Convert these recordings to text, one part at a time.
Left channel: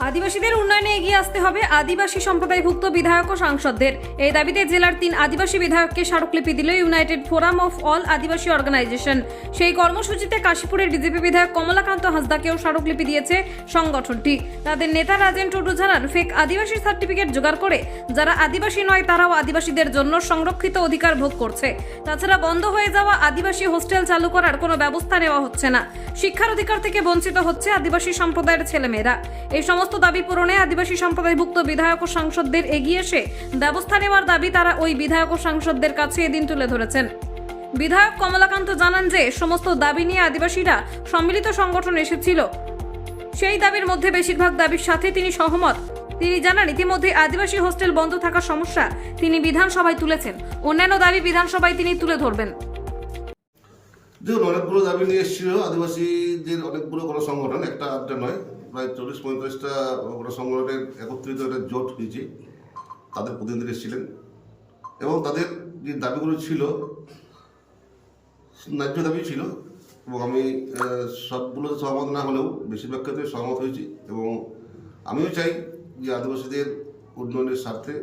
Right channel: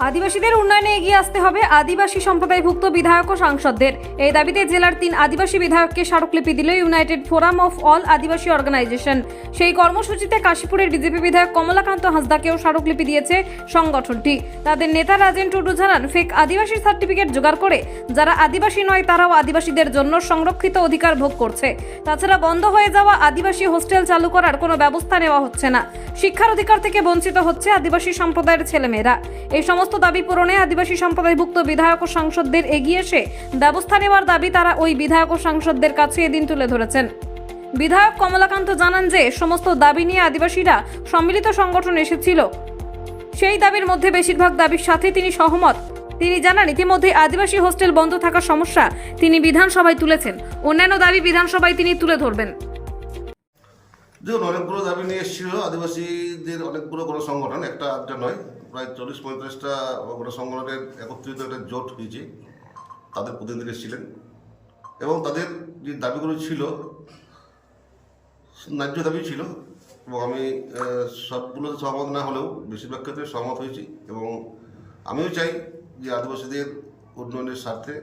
আদিবাসীদের উন্নয়নে এগিয়ে আসতে হবে আদিবাসী সম্প্রদায়ভুক্ত বিধায়ক ও সাংসদদের। এই দাবিতে জেলার 3 আদিবাসী বিধায়ককে স্মারকলিপি দিল United Forum of All Adivasi Organization. সেই কর্মসূচিতে কাশীপুরের বিজেপি বিধায়ক কমলাকান্ত হাঁসদাকেও স্মারকলিপি দিয়েছে সংগঠনটি। তাদের নেতা রাজেন টুডু জানান, ফেক আদিবাসী সার্টিফিকেট জোগাড় করে যারা আদিবাসী নয় তারাও আদিবাসীদের জন্য সংরক্ষিত অধিকার ভোগ করছে। তাছাড়া বন্ধ হয়ে যাওয়া আদিবাসী হোস্টেল চালু করার কোনো ব্যবস্থা নেওয়া হচ্ছে না। শিক্ষার অধিকার থেকে বঞ্চিত হচ্ছে আদিবাসী সম্প্রদায়ের ছেলেমেয়েরা। এই সমস্ত দাবি পূরণে আদিবাসী সম্প্রদায়ভুক্ত বিধায়ক ও সাংসদদের এগিয়ে এসে ব্যবস্থা নেওয়ার দাবি তারা ওই বিধায়ক ও সাংসদদের কাছে এদিন তুলে ধরেছেন। বিধায়ক কমলাকান্ত জানান যে সমস্ত দাবি নিয়ে আদিবাসীরা সম্মিলিত সংগঠন এসেছিল, সেই দাবির মধ্যে বেশিরভাগ দাবির সাথে তিনি সহমত। তিনি জানান, ইতিমধ্যে আদিবাসী হোস্টেল বন্ধ থাকার সমস্যা তিনি বিধানসভায় তুলেছেন, অন্যান্য দাবি বিধানসভায় তিনি তুলে ধরবেন। দেখুন, অনেকগুলো দাবি নিয়ে এসেছিল আদিবাসীদের অনেকগুলো গণসংগঠন, একটা নয়, প্রায় 40-45টা গণসংগঠনের একত্রিত একটা জোট হয়েছে। তাদের প্রতিনিধি এসেছিলেন এবং তাদের যে দাবিগুলো ছিল ন্যায্য দাবি ছিল এবং আমি সবগুলোতে সহমত না হলেও বেশিরভাগ ক্ষেত্রে সহমত হয়েছি এবং আমিও চাই যে আদিবাসীদের উন্নয়নের স্বার্থে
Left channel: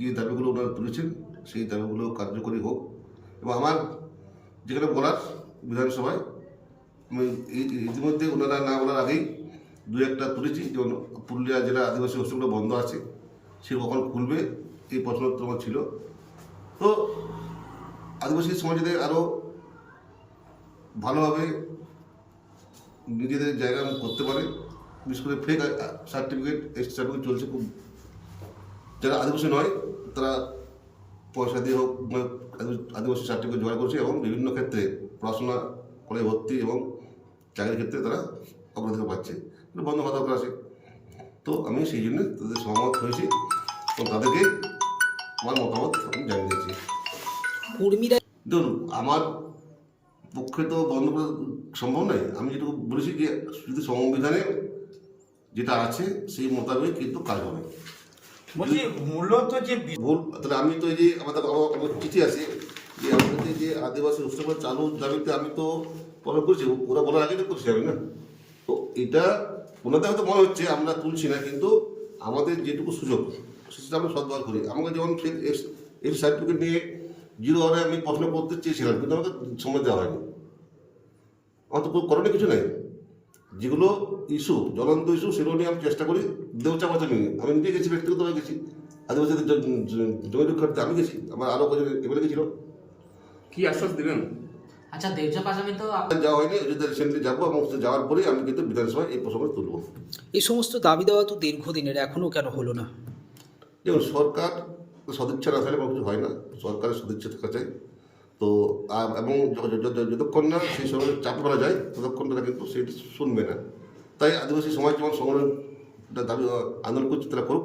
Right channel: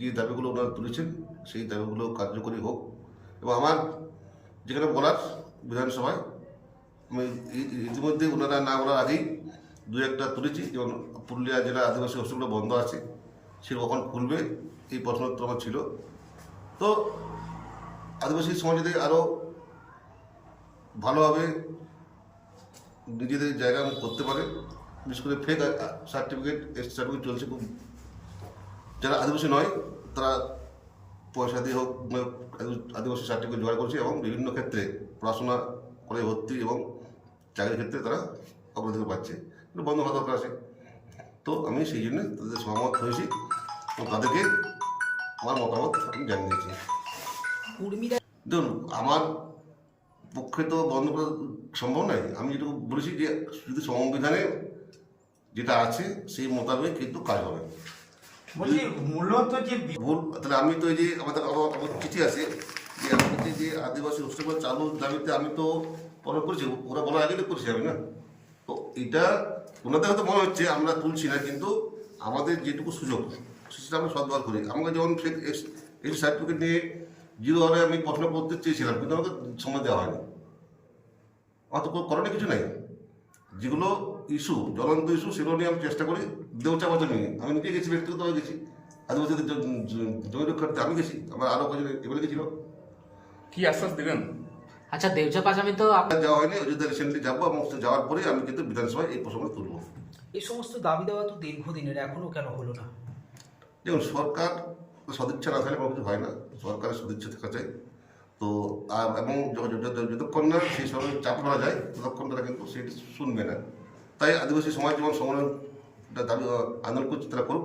যে দাবিগুলো ওনারা তুলেছেন সেই দাবিগুলো কার্যকরী হোক। এবং আমার যেখানে বলার বিধানসভায় আমি ইতিমধ্যে ওনারা না বলার আগেই দু একটা তুলেছি, যেমন পুরুলিয়া জেলা আদিবাসী হোস্টেলগুলো বন্ধ আছে, সে কখন খুলবে এই প্রশ্নোত্তর আমার ছিল। তো আদিবাসী সমাজে আরও ভালোভাবে নিজেদের জায়গা করতে পারে, বিশেষ করে ফেক সার্টিফিকেট চলছে খুব। যারা আদিবাসী নয় তারা পয়সা দিয়ে হোক আদিবাসী সার্টিফিকেট জোগাড় করছে এবং বিভিন্ন ক্ষেত্রে পড়াশোনা করে ভর্তি এবং চাকরির ক্ষেত্রে তারা অগ্রাধিকার পাচ্ছে, কিন্তু বন্ধ হওয়া দরকার আছে। তো আমি সেই জন্য তাদের সহমত হয়েছি এবং তাদেরকে আমার মতামত আমি জানিয়েছি। দেখুন, আমার পক্ষে তো বন্ধ করা সম্ভব নয়। আমি যেটুকু বলেছি যে শুধু সংবিধানে যেটা আছে সেই মোতাবেক কিন্তু কাজ হবে। মূলত যে ভুল তাহলে আমি তো এই যে আমাদের চিঠি আছে যে আমি যে আদিবাসী হোস্টেল চালু দাবিতে আমি তো প্রভাব করেছি, ওরা বলার আগে করছি আমি না। তো এটা ওনাদের হয়তো মনে হচ্ছে আমরা তুলছি না, কিন্তু আমাদের যেটুকু সুযোগ সেটা আমরা সদ্ব্যবহার করি। আমাকে যেমন এই সার্টিফিকেট নিয়ে 0 আওয়ারে আমি প্রশ্ন করতে চেয়েছিলাম, কিন্তু আমাকে সময় দেওয়া হয়নি। আমার তো করণীয় কিছু নাই। যেগুলো ইস্যু জ্বলন্ত ইস্যু সেগুলো নিয়ে আমি চেষ্টা করি। দেউচা বাচ্চা নিয়ে আমি নিজে গেছি, ব্যক্তিগতভাবে গেছি, আদিবাসীদের জমি রক্ষার্থে আমি গেছি, আমার আরও কজন এবারে গেছিল। কি আশ্বাস দেবেন? আচ্ছা, দেউচা পাঁচামি তো যাওয়া হয়নি, অযোধ্যা রিসেন্টলি যাবো এবং যাওয়ার পরেই আমি কিন্তু বিধানসভায় এই প্রসঙ্গ তুলব। এই সমস্ত দাবি দেওয়া তো দীর্ঘদিনের, এখনও কেন হলো না? দেখুন, সরকার সদিচ্ছা না থাকলে কোনো কিছু হয় না, সরকারের সদিচ্ছা থাকা চাই। তো এবং যতক্ষণ না সেই সময় চাপ ফেলা যায় ততক্ষণ তারা কিন্তু সেটি শুনবে না। তাই আদিবাসী সমাজ যেমন সংগ্রাম দাবি আন্দোলন করছে তারা করুক।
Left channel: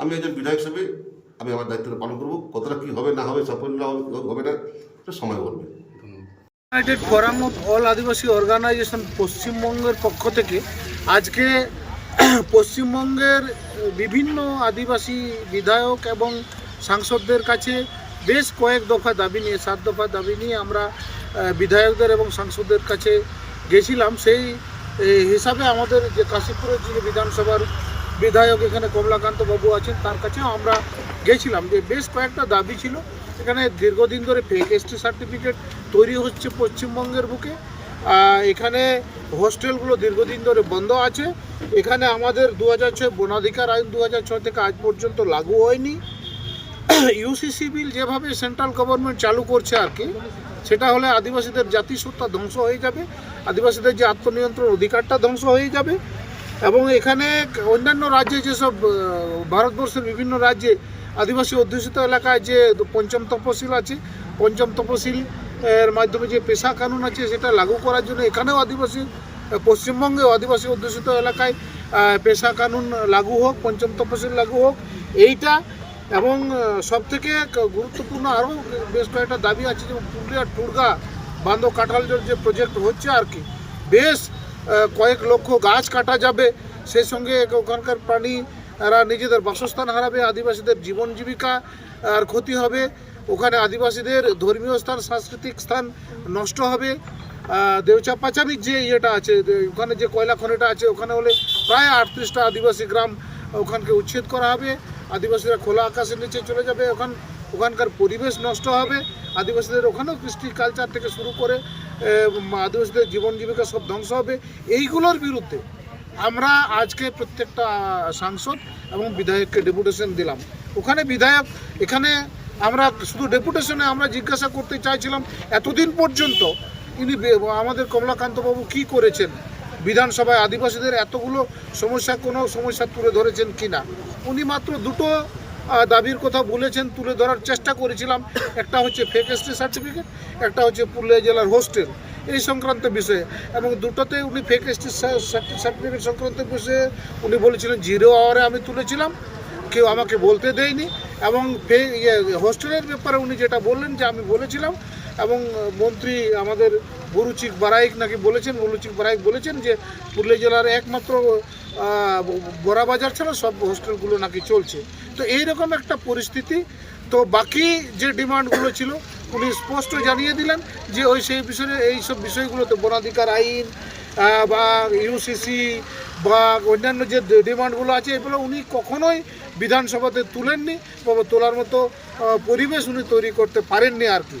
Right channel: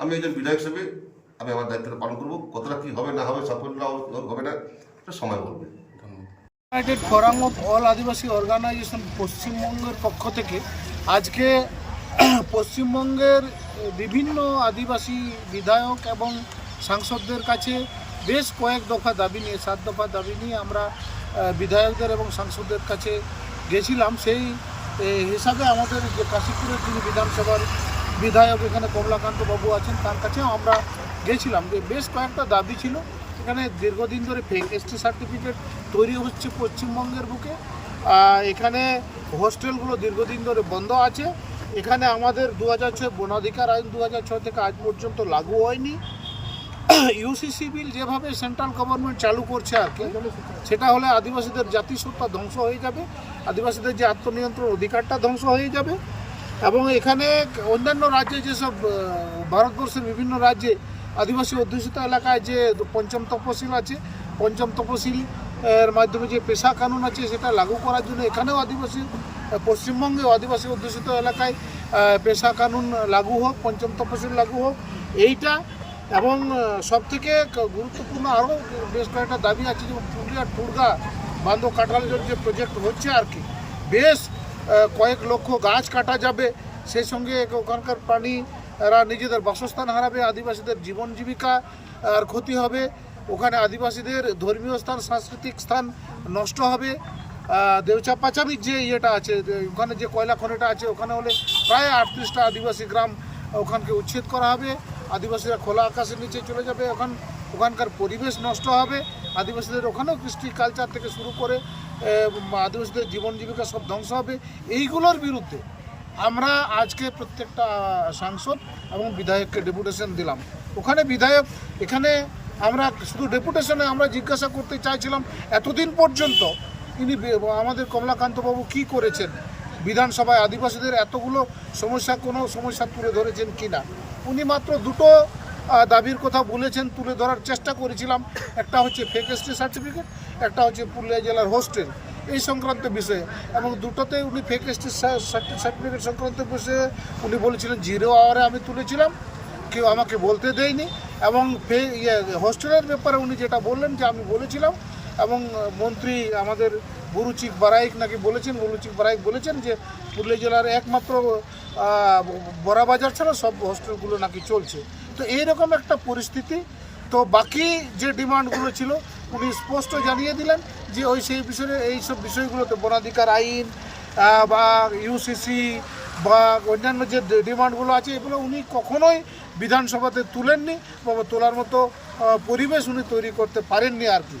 আমি একজন বিধায়ক হিসেবে আমি আমার দায়িত্বটা পালন করবো। কতটা কী হবে না হবে, সাফল্য হবে না, এটা সময় বলবে। United Forum of All Adivasi Organization পশ্চিমবঙ্গের পক্ষ থেকে আজকে পশ্চিমবঙ্গের বিভিন্ন আদিবাসী বিধায়ক এবং সাংসদদের কাছে বেশ কয়েক দফা দাবি নিয়ে 7 দফা দাবি নিয়ে আমরা বিধায়কদের এবং সাংসদদের কাছে গেছিলাম। সেই হিসাবে আমাদের যে কাশীপুরের যিনি বিধানসভার বিধায়ক এখানে কমলাকান্ত বাবু আছেন তার কাছেও আমরা গেছিলাম। যে বেশ কয়েকটা দাবি ছিল। এখানে দীর্ঘদিন ধরে ফেক এসটি সার্টিফিকেট তৈরি হচ্ছে পশ্চিমবঙ্গের বুকে। এখানে হোস্টেলগুলো দীর্ঘদিন ধরে বন্ধ আছে। এখানে আমাদের 2006 বনাধিকার আইন 2006 থেকে আজ পর্যন্ত লাগু হয়নি। ইউসিসি বিল যেভাবে সেন্ট্রাল গভর্নমেন্ট চালু করছে আর কি, সেটা হলে আদিবাসীদের জাতিসত্তা ধ্বংস হয়ে যাবে, আদিবাসীদের যে আত্মনিয়ন্ত্রণ অধিকারটা ধ্বংস হয়ে যাবে। এবং এখানে অন্যান্য রাজ্যে যেসব ভারতবর্ষের বিভিন্ন রাজ্যে আদিবাসী অধ্যুষিত এলাকায় যে 5ম তফসিল আছে, 5ম তফসিল এর মাধ্যমে যে পেশা কানুন আছে সেটা লাগু করার জন্য এখানেও পশ্চিমবঙ্গেও আদিবাসী অধ্যুষিত এলাকায় পেশা কানুন লাগু হোক, 5ম তফসিল লাগু হোক এইটা। এবং সবথেকে গুরুত্বপূর্ণ আরও বেশ কয়েকটা দাবি আছে, যেমন পুরুলিয়া টুরগা বান্ধ কাঁঠাল জল যে প্রজেক্ট হচ্ছে আর কি, বেশ কয়েক লক্ষ গাছ কাটা যাবে, সেই সঙ্গে ওখানকার প্রাণীরা নিজেদের বাসস্থান হারাবে, আদিবাসীদের জীবন জীবিকা আর ক্ষতি হবে, ওখানে আদিবাসীদের ধর্মীয় স্থান সাংস্কৃতিক স্থান নষ্ট হবে। দেউচা পাচামির যে ইয়েটা আছে ওখানে যে কয়লা খনিটা আছে ওখানে হলে প্রায় 38টা আদিবাসী গ্রাম ওখানকে উচ্ছেদ করা হবে। আদিবাসীরা খোলা আকাশের নিচে চলে যাবে, ওখানকার পরিবেশ নষ্ট হবে, আদিবাসীদের ওখানেও কৃষ্টি কালচার থেকে শুরু করে আদিবাসীদের জীবন জীবিকা সব ধ্বংস হবে। এইগুলোর বিরুদ্ধে আমরা আজকে প্রত্যেকটা সাংসদ এবং বিধায়ককে ডেপুটেশন দিলাম। ওখানে বিধায়ক এখানে আমরা শুধু ডেপুটেশনে আমরা জিজ্ঞাসা করতে চাইছিলাম এতদিন পর্যন্ত ইনি আমাদের কমলাকান্তবাবু কি করেছেন, বিধানসভায় আদিবাসীদের এতগুলো সমস্যা কোনো সমস্যা তুলে ধরেছেন কিনা। উনি মাত্র দুটো দাবির কথা বলেছেন, তুলে ধরার চেষ্টা করেছিলাম। একটা হচ্ছে ফেক এসটি সার্টিফিকেট, একটা হচ্ছে পুরুলিয়া জেলার হোস্টেল, এই সংক্রান্ত বিষয়ে। এবং দুটোতে উনি ফেক এসটি সার্টিফিকেট সংক্রান্ত বিষয়ে উনি বলেছিলেন 0 আওয়ারে আমি তুলেছিলাম, কেউ আমাকে বলতে দেয়নি। এবং হোস্টেলের ব্যাপারে উনি যেটা বললেন যে আমি বলেছিলাম, এবং মন্ত্রী আমাদের বুরুচিক বারাইক নাকি বলেছেন, বলেছেন যে পুরুলিয়া জেলার একমাত্র বড়াবাজার ছাড়া সব হোস্টেলগুলো নাকি চলছে। তো এইরকম একটা পরিস্থিতি। তো বাকি যে ডিমান্ডগুলো ছিল উনি স্পষ্ট জানিয়ে দিলেন যে সেই বিষয়ে এইসব বিষয়গুলোতে বনাধিকার আইন বা ইউসিসি বা অন্যান্য যে ডিমান্ডগুলো আছে এগুলো উনি কখনোই বিধানসভাতে তুলেননি বা তোলার মতো পরিবেশ উনি তৈরি করতে পারেননি আর কি।